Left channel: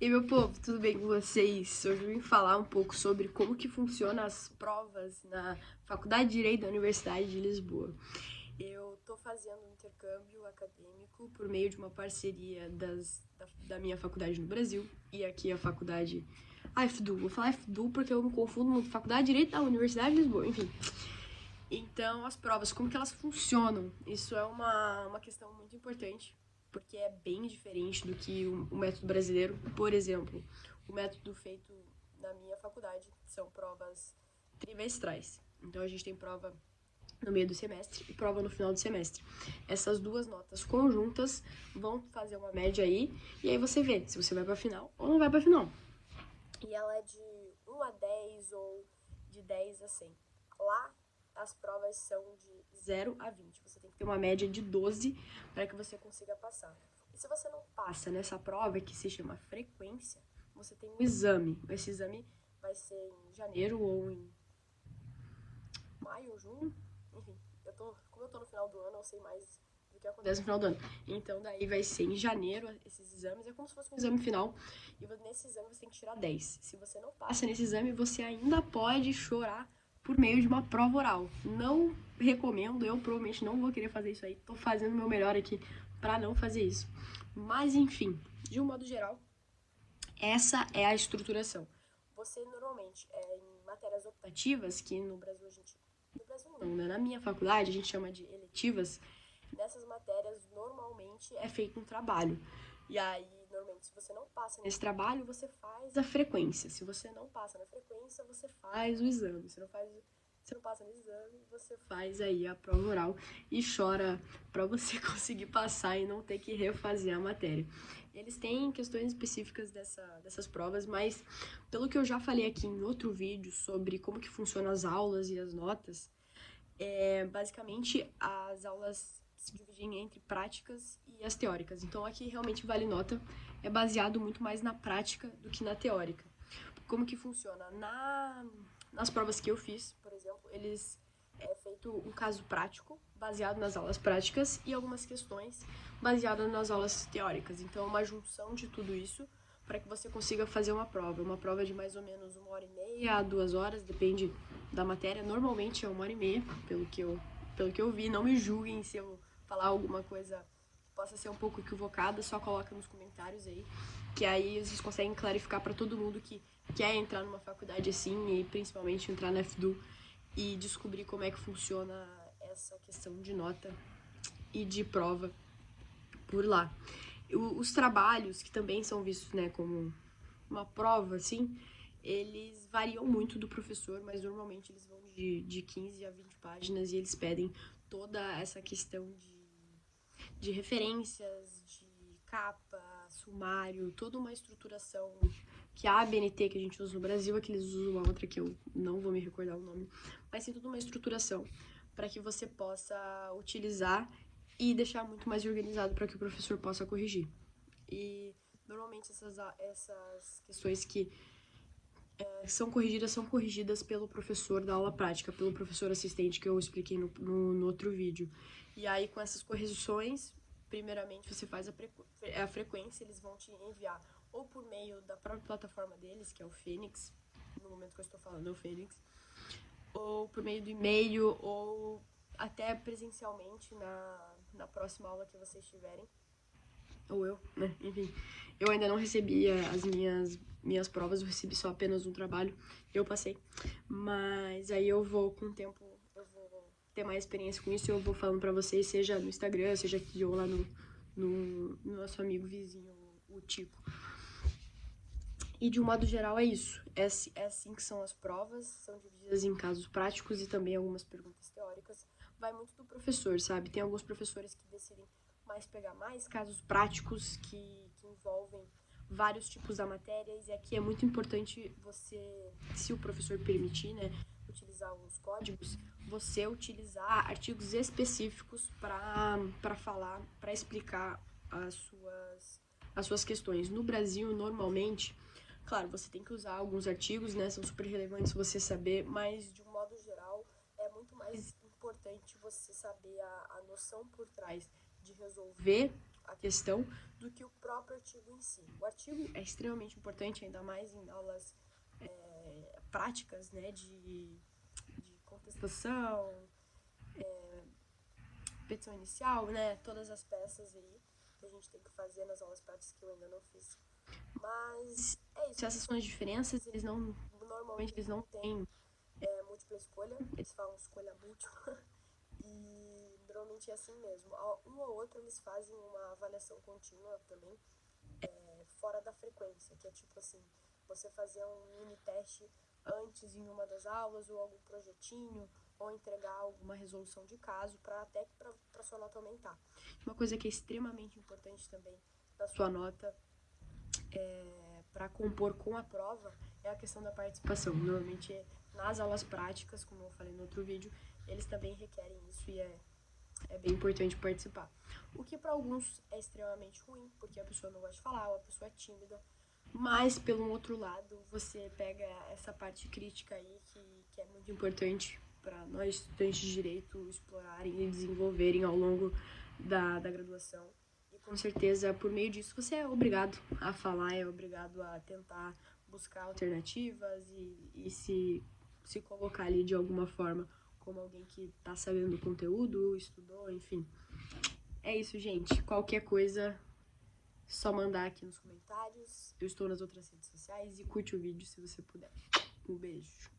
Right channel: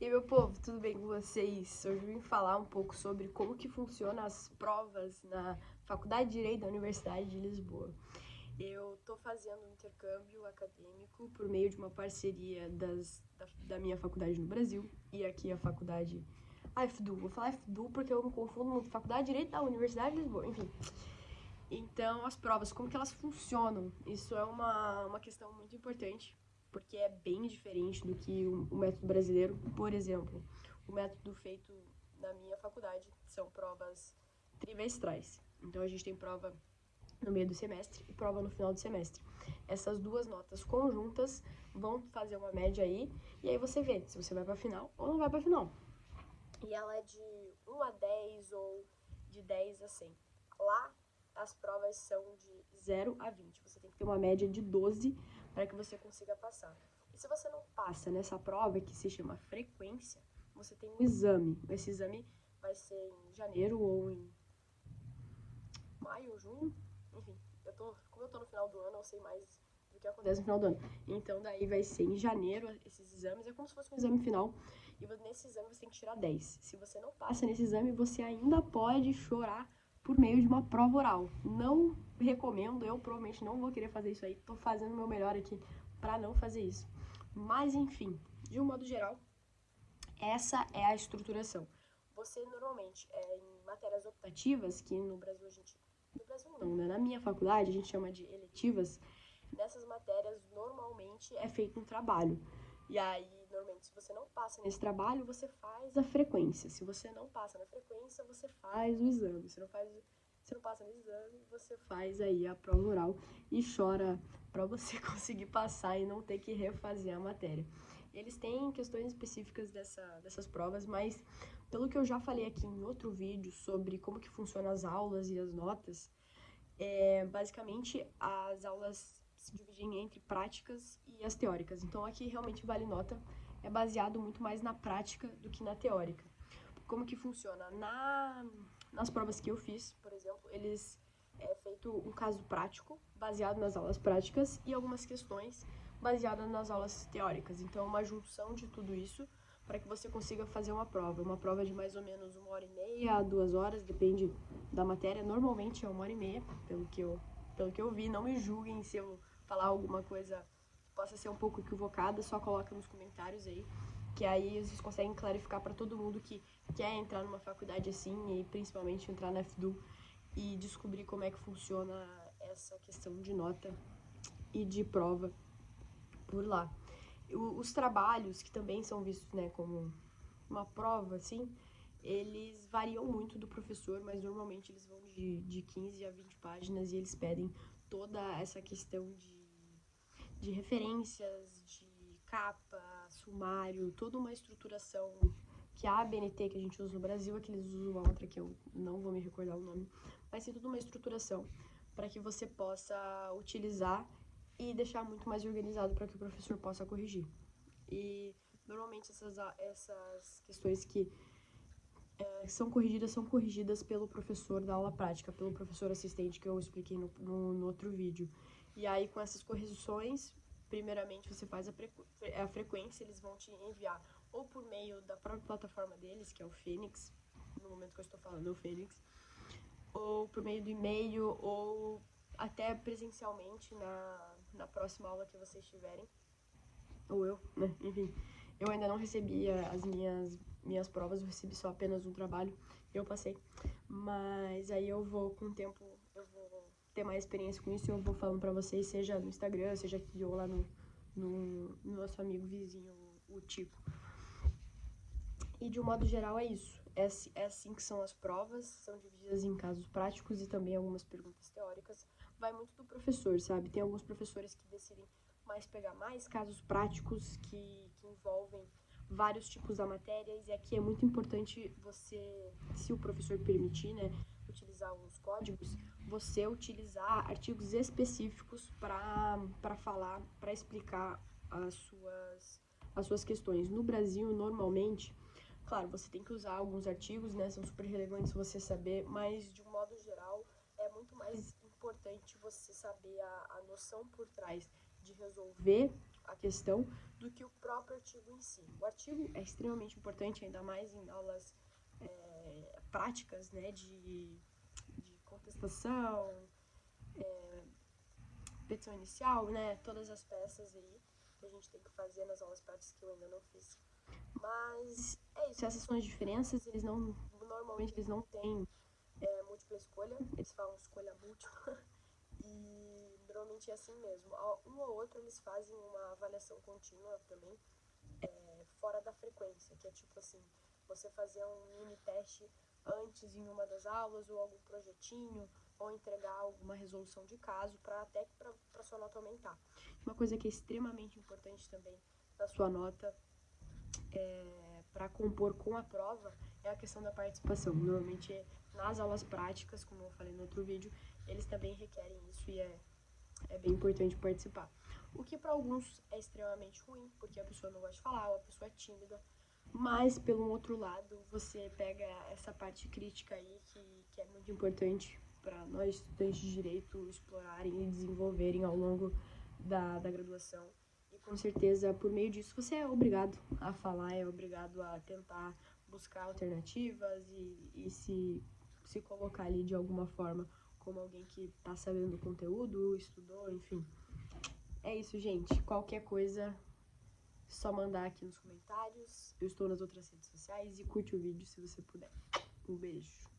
E meu povo, tudo bem com vocês? Hoje eu vim falar um pouco sobre como que funcionam as provas na Faculdade de Direito da Universidade de Lisboa. Eu estou fazendo um intercâmbio acadêmico por meio de uma parceria da minha faculdade no Brasil e aqui a faculdade, a FDU. Vou falar FDU porque eu me confundo muito. Faculdade de Direito da Universidade de Lisboa, enfim. Então, as provas, como que elas funcionam? Isso é uma questão muito importante, porque é bem diferente do que o método brasileiro. Por exemplo, o método feito na minha faculdade são provas trimestrais. Então, a gente tem prova no meio do semestre e prova no final do semestre. Essas duas notas conjuntas vão fazer uma média aí, e aí você vê se você vai para final ou não vai para final. E ela é de 1 a 10 ou de 10 a 100. Lá, as provas são de 0 a 20. Você tem que ter uma média de 12 para que você consiga passar. E se você não passa nessa prova, que se chama frequência, você tem um exame. Esse exame vai ser em janeiro ou em maio ou junho. Enfim, como eu tô no final do ano, eu sei mais do que acontece no final do ano. Então, daí vai ser em janeiro esses exames. É como se fosse um exame final. E nesse exame você tem que tirar 10. Se você não passa nesse exame, você ainda pode chorar por meio de uma prova oral. Não recomendo, eu provavelmente não vou querer fazer isso aí. Tô fazendo o meu melhor aqui para não fazer isso. Mas, enfim, de um modo geral, essa é a estruturação. Você normalmente, em matérias optativas, que no Brasil a gente... No Brasil não, né? Na minha faculdade a gente chama de eletivas. Nessas matérias, normalmente é feito um trabalho. E aí, normalmente, se você não passa nesse trabalho, você faz a frequência. Se você não passa na frequência, você faz o exame. Se não passa no exame, você faz aí a prova oral e chora para você conseguir passar e não ter que refazer a matéria. Eles têm questões específicas dessas provas, mas pelo que eu já falei aqui em outro vídeo sobre como que funcionam as aulas e as notas, basicamente as aulas se dividem entre práticas e as teóricas. Então aqui realmente vale nota, é baseado muito mais na prática do que na teórica. Como que funciona? Nas provas que eu fiz, por exemplo, eles feito um caso prático, baseado nas aulas práticas, e algumas questões baseadas nas aulas teóricas. Então, uma junção de tudo isso para que você consiga fazer uma prova. Uma prova de mais ou menos 1h30 a 2 horas, depende da matéria. Normalmente é 1h30, pelo que eu vi. Não me julguem se eu falar alguma coisa que possa ser um pouco equivocada, só coloca nos comentários aí, que aí vocês conseguem clarificar para todo mundo que quer entrar numa faculdade assim, e principalmente entrar na FDU, e descobrir como é que funciona essa questão de nota e de prova por lá. Os trabalhos, que também são vistos, né, como uma prova, assim, eles variam muito do professor, mas normalmente eles vão de 15 a 20 páginas e eles pedem toda essa questão de referências, de capa, sumário, toda uma estruturação que a ABNT que a gente usa no Brasil, é que eles usam uma outra que eu não vou me recordar o nome, mas tem toda uma estruturação para que você possa utilizar e deixar muito mais organizado para que o professor possa corrigir. E normalmente essas questões que são corrigidas pelo professor da aula prática, pelo professor assistente que eu expliquei no outro vídeo. E aí, com essas correções, primeiramente você faz a frequência, eles vão te enviar ou por meio da própria plataforma deles, que é o Fênix, no momento que eu estou falando é o Fênix, ou por meio do e-mail, ou até presencialmente na próxima aula que vocês tiverem. Ou eu, né? Enfim, eu ainda não recebi as minhas provas, eu recebi só apenas um trabalho, eu passei. Mas aí eu vou, com o tempo, eu vou ter mais experiência com isso e eu vou falando pra vocês, seja no Instagram, seja aqui ou lá no nosso amigo vizinho, o Tico. E de um modo geral é isso. É assim que são as provas, são divididas em casos práticos e também algumas perguntas teóricas. Vai muito do professor, sabe? Tem alguns professores que decidem mais pegar mais casos práticos que envolvem vários tipos da matéria, e aqui é muito importante você, se o professor permitir, né, utilizar alguns códigos, você utilizar artigos específicos para falar, para explicar as suas questões. No Brasil, normalmente, claro, você tem que usar alguns artigos, né, são super relevantes você saber, mas de um modo geral é muito mais importante você saber a noção por trás de resolver a questão do que o próprio artigo em si. O artigo é extremamente importante, ainda mais em aulas práticas, né, de contestação, petição inicial, né, todas as peças aí que a gente tem que fazer nas aulas práticas que eu ainda não fiz. Mas é isso, essas são as diferenças, normalmente eles não têm múltipla escolha, eles falam escolha múltipla, e normalmente é assim mesmo. Um ou outro eles fazem uma avaliação contínua também, fora da frequência, que é tipo assim, você fazer um mini teste antes em uma das aulas, ou algum projetinho, ou entregar alguma resolução de caso, até para sua nota aumentar. Uma coisa que é extremamente importante também na sua nota, para compor com a prova, é a questão da participação. Normalmente nas aulas práticas, como eu falei no outro vídeo, eles também requerem isso e é bem importante participar. O que para alguns é extremamente ruim, porque a pessoa não gosta de falar, ou a pessoa é tímida, mas pelo outro lado, você pega essa parte crítica aí que é muito importante para nós estudantes de direito explorarem e desenvolverem ao longo da graduação. E com certeza, por meio disso, você é obrigado a falar, é obrigado a tentar buscar alternativas e se colocar ali de alguma forma como alguém que está sabendo do conteúdo, estudou, enfim. É isso, gente. Qualquer coisa, só mandar aqui nos comentários. Eu estou nas outras redes sociais e curte o vídeo se você puder. Um beijo.